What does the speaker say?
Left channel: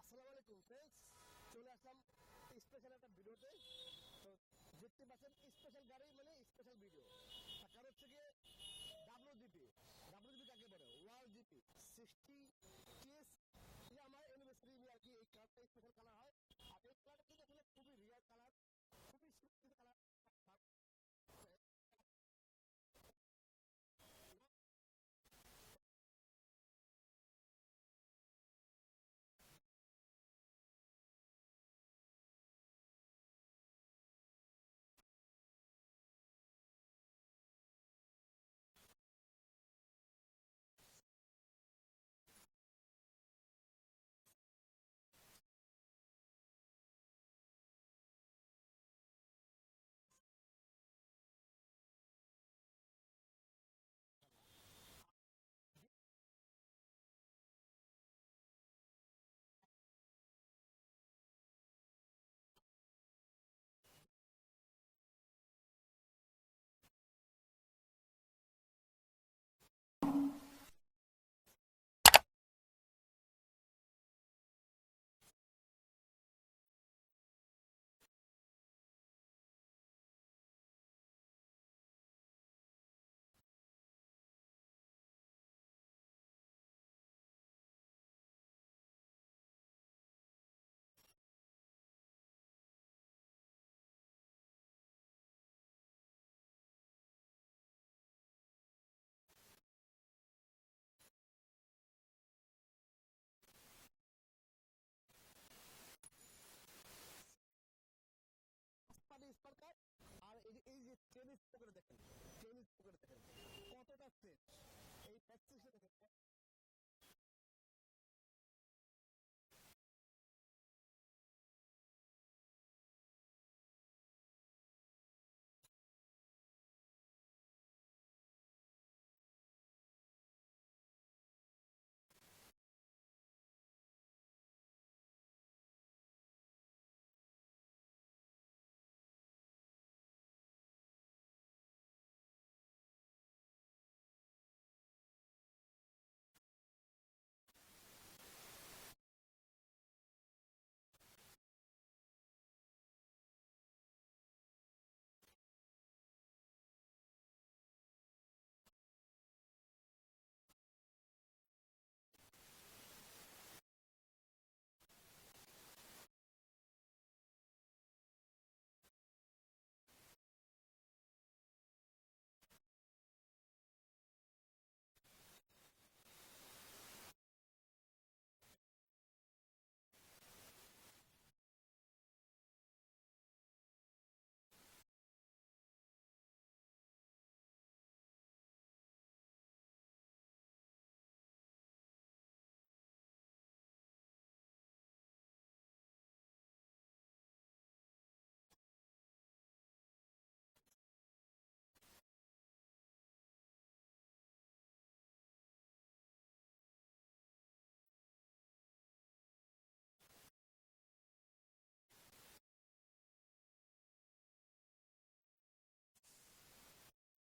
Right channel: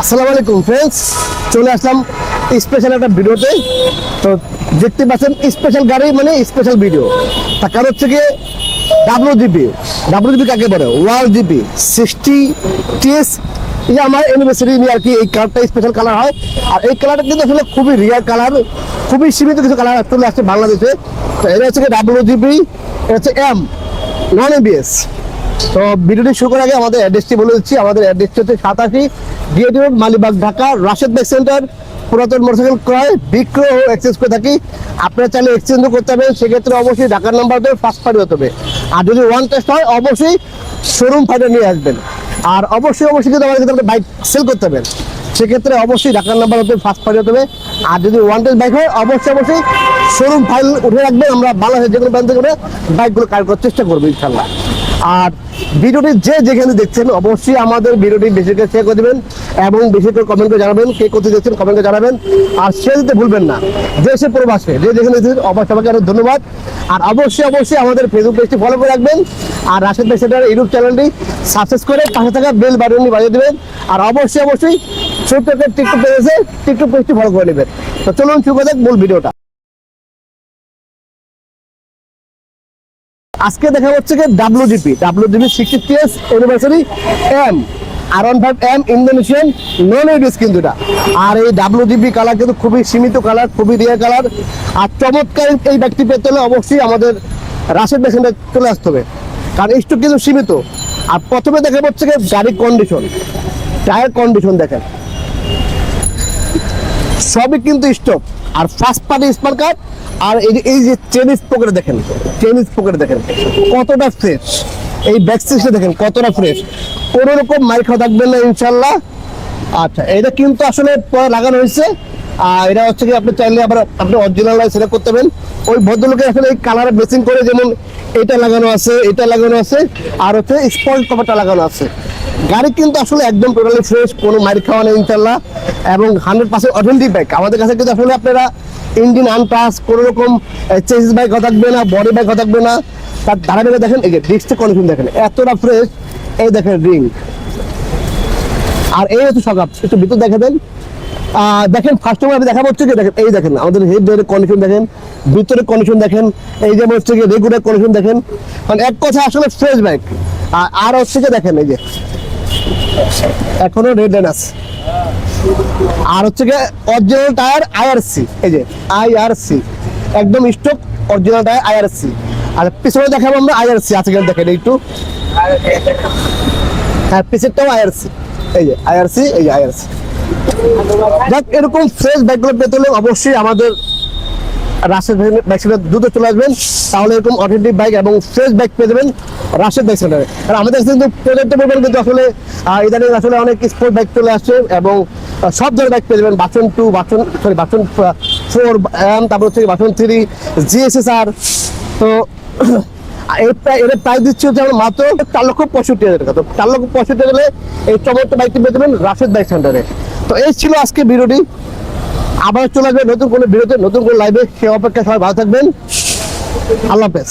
আসসালামু আলাইকুম ফ্রেন্ডস, চলে আসলাম স্পেশাল একটা ভিডিওতে। তো দেখতে পাচ্ছেন স্পেশাল গাড়ি মানে স্পেশাল ভিডিও। তার কারণ হচ্ছে কি ডাব্লিউজিপি কাকে বলে? World GP 60 TS. এই যে আমার অ্যানিভার্সারি নিয়ে আর কি এই কালারটা স্পেশাল কালার হয়। আর এই কালারটা কিন্তু আসলে খুবই রিয়ার কালার, খুবই সীমিত কিছু কালার চলে আসছে বাংলাদেশে। তো এটা হচ্ছে কি ডাব্লিউজিপি, এটা হচ্ছে এম নন এবিএস। তো ভিডিওটি শুরু করার আগে আমাদের অ্যাড্রেসটি বলে দিচ্ছি। আমাদের অ্যাড্রেসটি হচ্ছে 87 DAT road, Malibagh, Dhaka, Rashed bike centre. পুরাতন মোটরসাইকেল ক্রয়, বিক্রয় ও এক্সচেঞ্জ করে থাকি। আপনারা চাইলে এক্সচেঞ্জও করতে হবে, সেক্ষেত্রে অবশ্যই ঢাকার নাম্বার দিয়ে ফার্স্ট পার্টি হতে হবে। আর যদি ওয়ান টেস্ট হয় অবশ্যই শোরুম ফাইনাল নিয়ে আসবেন। আর অবশ্যই কিন্তু আমাদের কাছে বাইক সেল করতে হবে, সেক্ষেত্রে অবশ্যই ঢাকার নাম্বার হতে ফার্স্ট পার্টি হতে হবে। আর যদি ওয়ান টেস্ট বাইক হয় অবশ্যই শোরুম ফাইল উঠে রাখবেন। আমরা বাংলাদেশের যে কোনো ব্র্যান্ড থেকে বাইকগুলো কাজ করার চেষ্টা করবো ইনশাল্লাহ। আর ভিডিওটি যে যেখানে দেখছেন অবশ্যই আমাদের ভিডিওটি বেশি করে শেয়ার করে দেবেন এবং বেশি করে কমেন্ট করে জানাবেন কে কোথায় দেখছেন, কমেন্ট করে জানাবেন। আর শেয়ার দিতে ভুলবেন না, দেশে প্রবাসে যে যেখানে দেখছেন অবশ্যই আমাকে আরো ধন্যবাদ। আর অবশ্যই আমাদের ফেসবুক পেজটি ফলো করে রাখবেন। আর রাশেদ ভাই সেন্টার ইউটিউব চ্যানেলটি সাবস্ক্রাইব করে পাশে থাকা বেল বাটনটি বাজিয়ে দেবেন। আর অবশ্যই ছোট্ট একটা টিকটক পেজ আছে, টিকটক পেজটি ফলো করে নেবেন। তো চলুন শুরু করা যাক মূল ভিডিওটা। আজকে দেখা হচ্ছে কি WGP 60 TS anniversary M R15 M Indonesian non ABS কিন্তু এটা। আর এই ডাব্লিউজিপি কালার কিন্তু খুবই সীমিত কালার, খুবই রিয়ার কালার। আর চমৎকার এই ব্যক্তি পেতে হলে অবশ্যই আমাদের রাশেদ ভাই সেন্টারে চলে আসতে হবে, কারণ স্টক কিন্তু সীমিত। আর প্রথমে দেখা হচ্ছে কি গাড়ির কন্ডিশন, টায়ার কন্ডিশন দেখেন সবই কিন্তু স্টক। আর ফার্স্ট পার্টি স্মার্ট কার্ড। আর এই যে চেন স্পোকেটে দেখেন কতটা ফ্রেশ, এই ব্যাক সিটটা দেখেন কতটা ফ্রেশ, কোনো রকম মাইর খাওয়া থাকবে না ইনশাল্লাহ। আচ্ছা, এটা কিন্তু আসলে পরে লাগানো হয়েছে। আর এটা হচ্ছে কি আপনি চাইলে আবার আপনি অরিজিনাল সিলেক্ট করতে পারেন। ওই ভদ্রলোকের আসলে এই কালারে বেসিং করে, যেমন এটা লাগানো আছে আর হচ্ছে স্পঞ্জ কভারটা লাগানো আছে। গাড়ি কিন্তু আসলে একদম টোটালি ফ্রেশ, কোনো মাইর খাওয়া নেই ইনশাল্লাহ, এবং 100% অথেন্টিক বাইক। আমাদের কাছে কিন্তু আসলে আপনারা ইঞ্জিন আনটাচ, কোনো রকম চেসিস বাইক থাকবে না, বডি বাইক থাকবে না। তার ধারাবাহিক দেখেন, এই যে ডিস্কটা কন্ডিশন দেখেন এতটা ফ্রেশ। এই দেখেন রিং, আর এই হচ্ছে সকাপ। একটু ভিতর দেখে দেন, দেখেন ফার্স্ট আমি দেখা হচ্ছে কি দেখেন, এই দেখেন আমাদের হেড ডোরের কন্ডিশন দেখেন, ভিতরের কন্ডিশন দেখেন, এই যে হচ্ছে কি রেগুলার কন্ডিশন দেখেন। মানে এক কথা আসলে ফ্রেশ বাইক। আর হচ্ছে কি দেখেন এই যে এখনো রেড লাইন আছে। আর হচ্ছে কি অরিজিনাল টায়ার আইআরসি, এই যে আইআরসি একদম স্টক অরিজিনাল টায়ার আইআরসি। আর পিছনে দেখাবো আমরা আইআরসি আছে কিনা দেখেন একটু। হ্যাঁ, পিছনেরটাও আইআরসি, এই যে আইআরসি, এই যে আইআরসি। যাক, এরকম ফ্রেশ বাইকগুলো পেতে হলে অবশ্যই আমাদের রাশেদ বাইক সেন্টার দ্রুত চলে আসবেন, তাহলে এরকম অথেন্টিক বাইক এবং ফ্রেশ বাইক পেয়ে যাবেন রাশেদ বাইক সেন্টারে। আর আমাদের কিন্তু প্রজেক্টে বলবেন কিন্তু আসলে ইদানিং আসলে অনেক স্পোর্ট বাইক চলে আসছে এবং সব ধরনের বাইক পেয়ে যাবেন। বাচন 2, বাচন 4, তারপর হচ্ছে বাচন 3, GSSR। তো এর প্রাইস দিচ্ছি হচ্ছে আমরা মাত্র 4,65,000 টাকা। তো 4,65,000 হলে এই চমৎকার বাইকটি পেয়ে যাবেন রাশেদ বাইক সেন্টারে। তো এই ছিল আজকে ভিডিওটি। আবার চলে আসবে নতুন কোনো ভিডিওতে, নতুন কোনো লাইভে। সে অপেক্ষা সবাই ভালো থাকবেন। আল্লাহ হাফেজ।